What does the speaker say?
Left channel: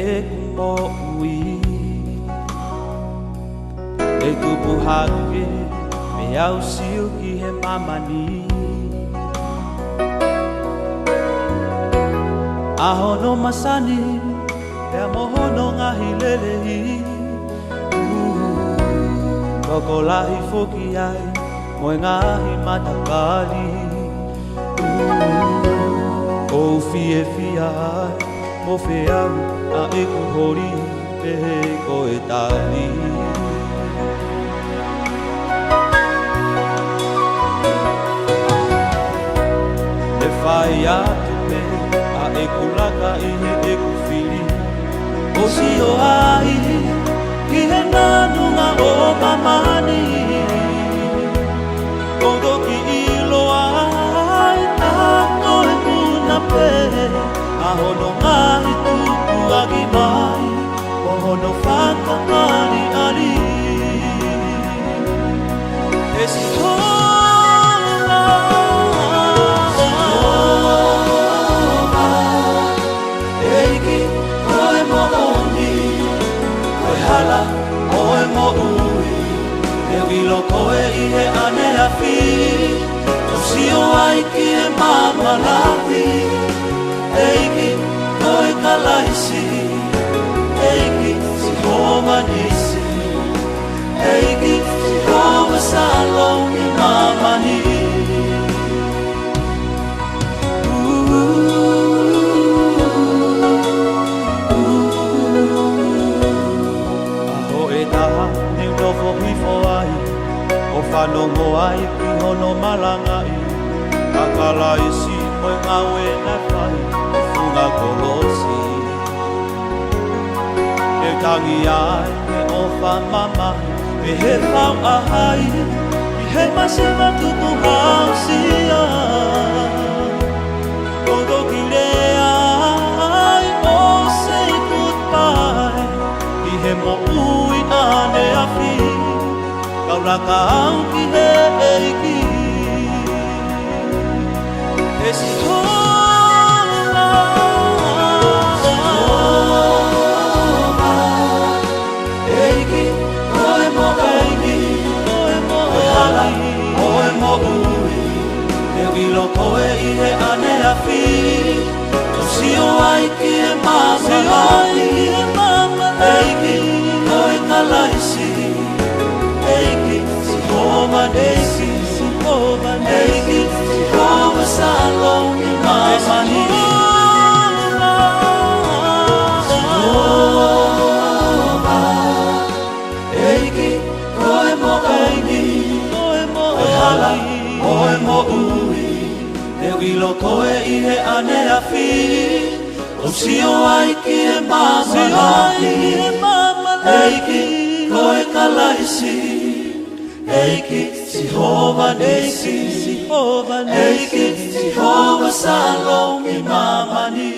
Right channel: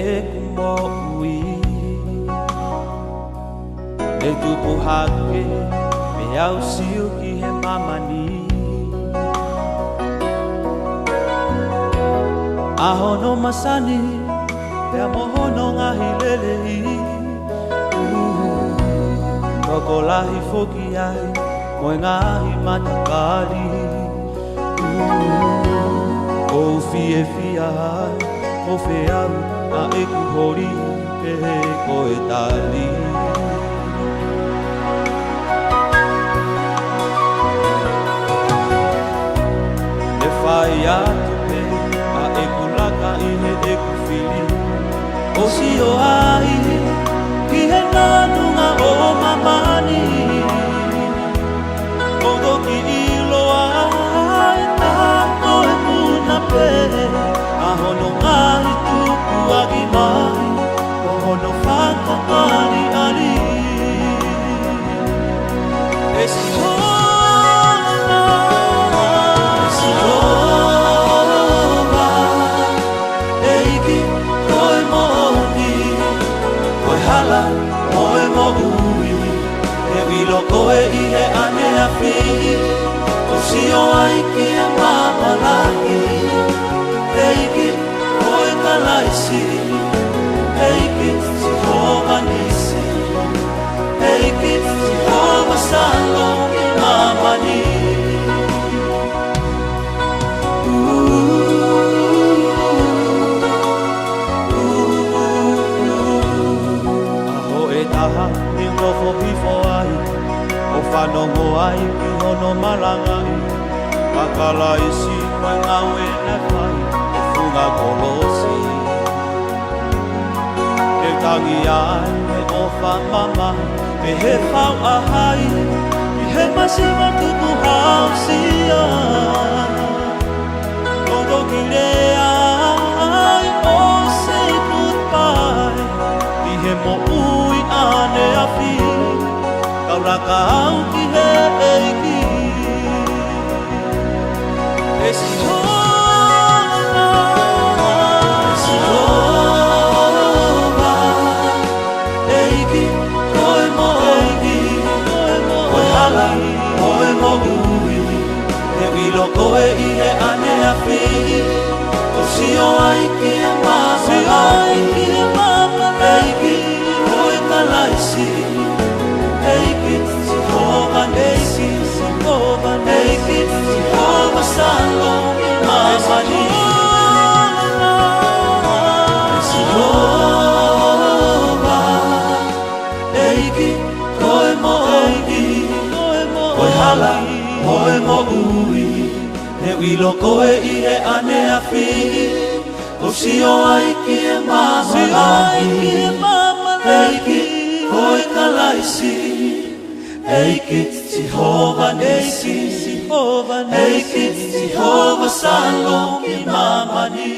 e kumo ui e tupu hake me au siu ki he mamani ahono masani pea mohono ngahi lelei koko lahi foki ai moe ngahi matakali o fie fia ai mo feau a e kuhori pe ko e tali le fai atu pe a e kulaka i he e kufili o si o ai ki he nanunga o mamani o doki ilo ai tako e puna pe ahono ngahi tuku agi mai Pohono whakakari ari E si hola Si hola E iki koe mo oni Koe hala koe mo ui E vilo koe i he ane a fi O si o ai ki e mamua laki E iki koe kalaisi Taha ni ngofo hifo ai O whanongo ai ki hono malangai Kakala isi moe ngau e na whai E whunga kolosi E tangi ai me ofa mamai Me he whau ahai I he masiwa tuku hausia Todo ki rea ai O say goodbye I he mo ui ane a fi Kau raka au ki he eiki E si hola Si hola Eiki, koe mo eiki Koe mo hala, koe mo ui E wilo koe i he ane a fi O si o ai ki e mama Si o ai ki e mama Eiki Kalaisi, eiki, si hova neiki, si hova neiki, si hova salo i mamani. Si hova, eiki, koe mo eiki, koe mo hala, koe mo ui, e wilo koe i he ane a fi, o si o ai ki e mama, si o ai ki e mama eiki. Koe kalaisi, eiki, si hova neiki, si hova neiki, si hova salo i mamani.